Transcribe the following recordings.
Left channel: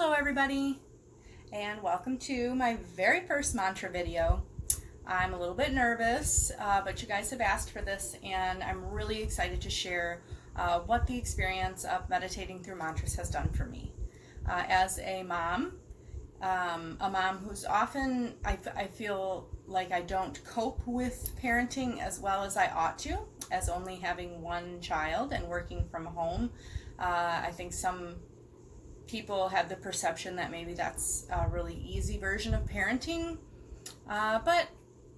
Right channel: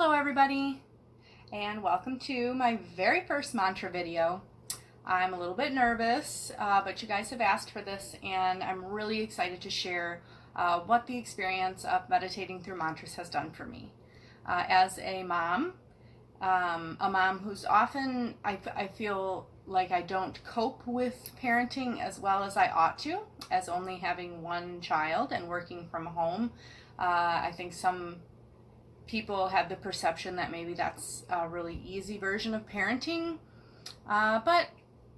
Hello everybody, and welcome to my very first mantra video. I'm a little bit nervous, but you guys have asked for this, and I'm really excited to share what the experience of meditating through mantras has done for me. As a mom who's often, I feel like I don't cope with parenting as well as I ought to, as only having one child and working from home. I think some people have the perception that maybe that's a really easy version of parenting, but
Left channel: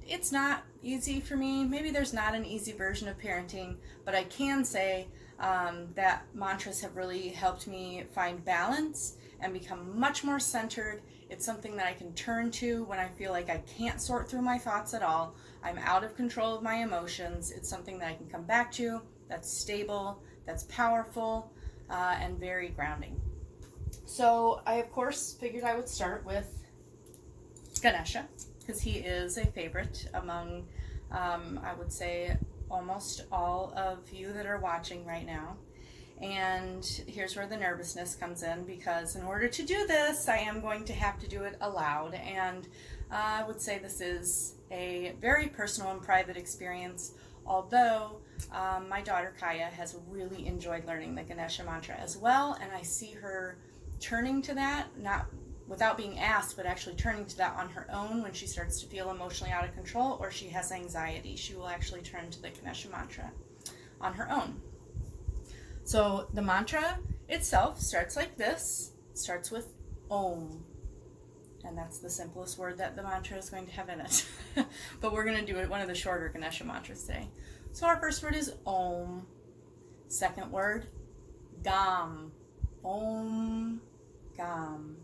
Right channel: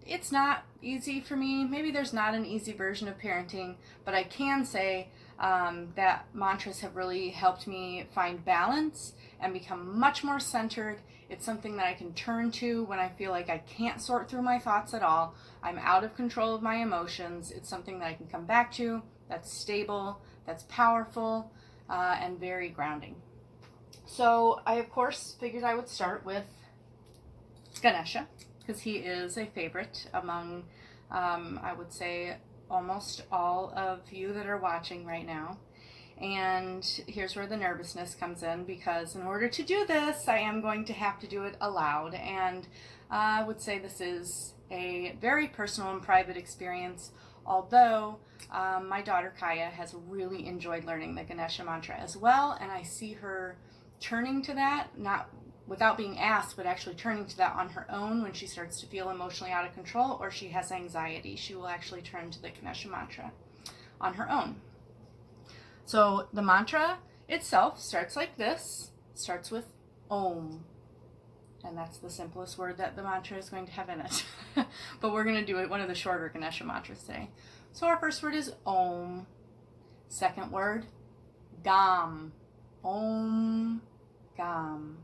it's not easy for me. Maybe there's not an easy version of parenting, but I can say that mantras have really helped me find balance and become much more centered. It's something that I can turn to when I feel like I can't sort through my thoughts at all. I'm out of control of my emotions. It's something that I can come back to, that's stable, that's powerful, and very grounding. So I, of course, figured I would start with Ganesha, because he is a favorite among, I would say, almost all of you that are watching right now. And here's where the nervousness comes in, because in order to do this, I am going to have to do it aloud. And I would say this is a very personal and private experience, although my daughter Kaya has really enjoyed learning the Ganesha mantra as well, and I see her turning to that, not without being asked, but actually turning to that on her own when she starts to feel emotionally out of control or she has anxiety. She will actually turn to the Ganesha mantra on her own. So the mantra itself starts like this, starts with Om, and that's the simplest word that the mantra is going to have in it. But we're going to do it one of the shorter Ganesha mantras today. So our first word is Om. Second word, Gam. Om Gam.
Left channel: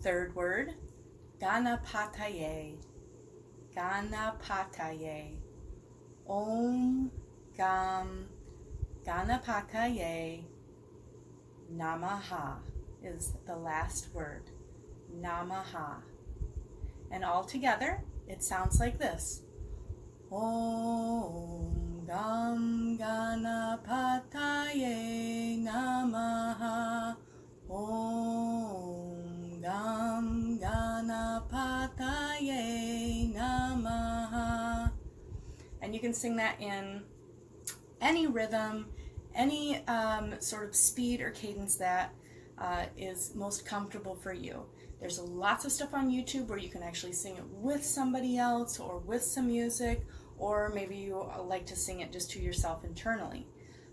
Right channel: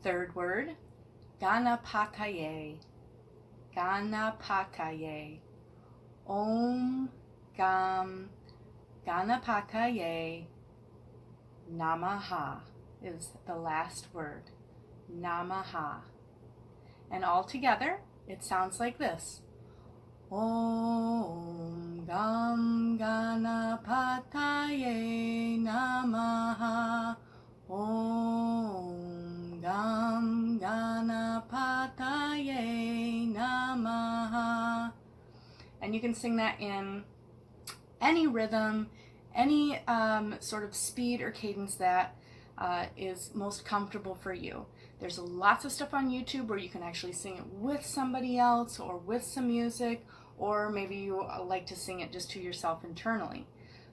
Third word, Ganapataye. Ganapataye. Om Gam Ganapataye Namaha is the last word. Namaha. And all together, it sounds like this. Om Gam Ganapataye Namaha. Om Gam Ganapataye Namaha. And you can sing that in any rhythm, any sort of speed or cadence that is most comfortable for you. There's lots of stuff on YouTube where you can actually sing it with somebody else or with some music, or maybe you like to sing it just to yourself internally.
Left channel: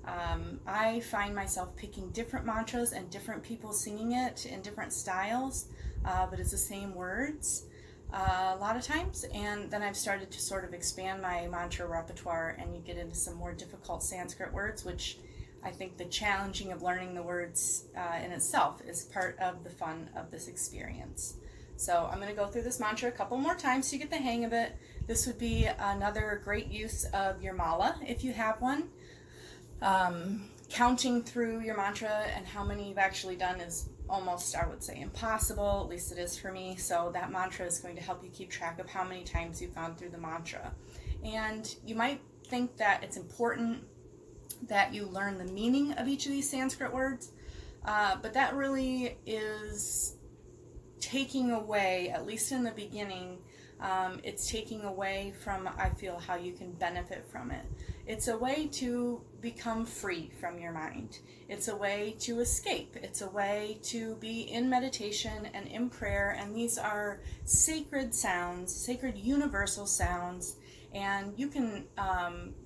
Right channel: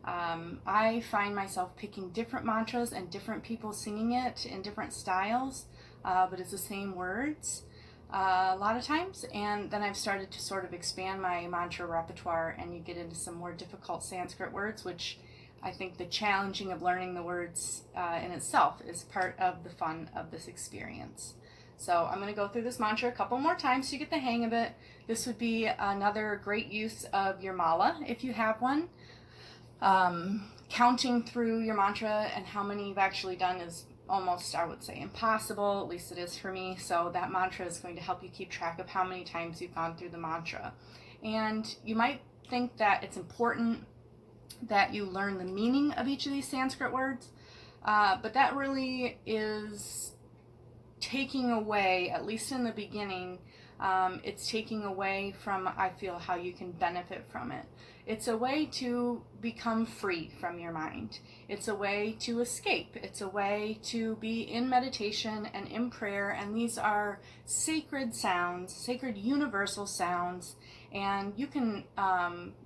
I find myself picking different mantras and different people singing it in different styles, but it's the same words a lot of times. And then I've started to sort of expand my mantra repertoire, and you get into some more difficult Sanskrit words, which I think the challenging of learning the words in itself is part of the fun of this experience. So I'm going to go through this mantra a couple more times so you get the hang of it. This would be another great use of your mala if you have one. Counting through your mantra and how many you've actually done is almost, I would say, impossible. At least it is for me. So that mantra is going to help you keep track of how many times you've gone through the mantra. And you might think that it's important that you learn the meaning of each of these Sanskrit words, but that really is taking away, at least in the beginning, it's taking away from, I feel, how you can benefit from it. It's a way to become free from your mind. It's a way to escape. It's a way to be in meditation and in prayer, and these are sacred sounds, sacred universal sounds, and you can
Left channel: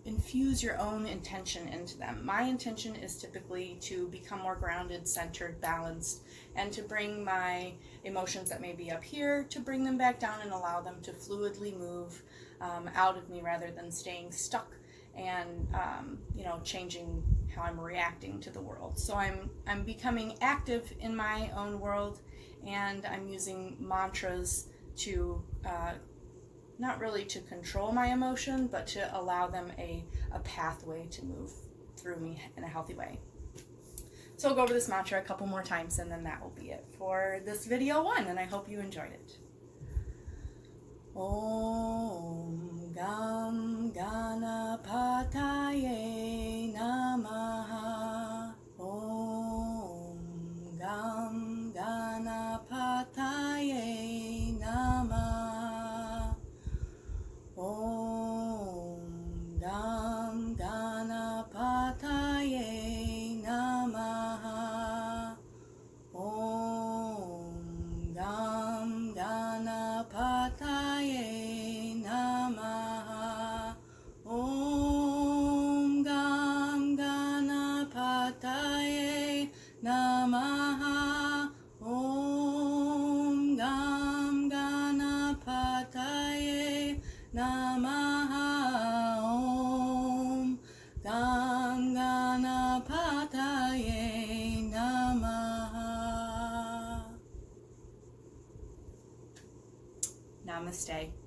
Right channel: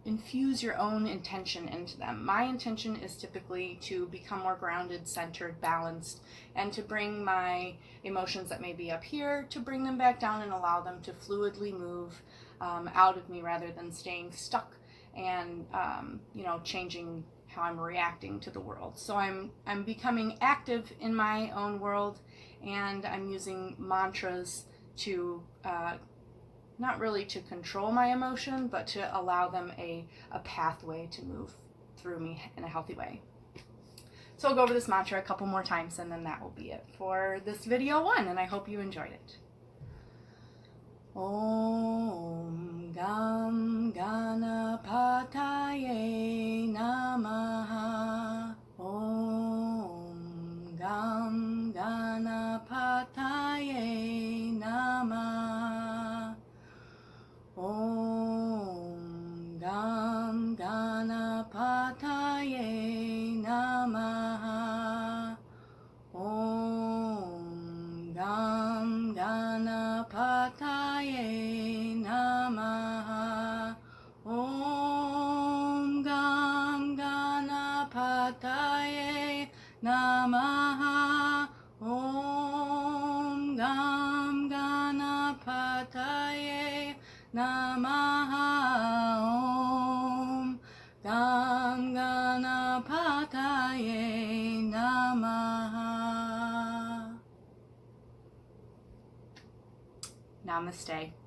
infuse your own intention into them. My intention is typically to become more grounded, centered, balanced, and to bring my emotions that may be up here, to bring them back down and allow them to fluidly move out of me rather than staying stuck and changing how I'm reacting to the world. So I'm becoming active in my own world, and I'm using mantras to not really to control my emotion, but to allow them a pathway to move through me in a healthy way. So I'll go over this mantra a couple more times, and then that will be it for this video one, and I hope you enjoyed it. Om Gam Ganapataye Namaha. Om Gam Ganapataye Namaste.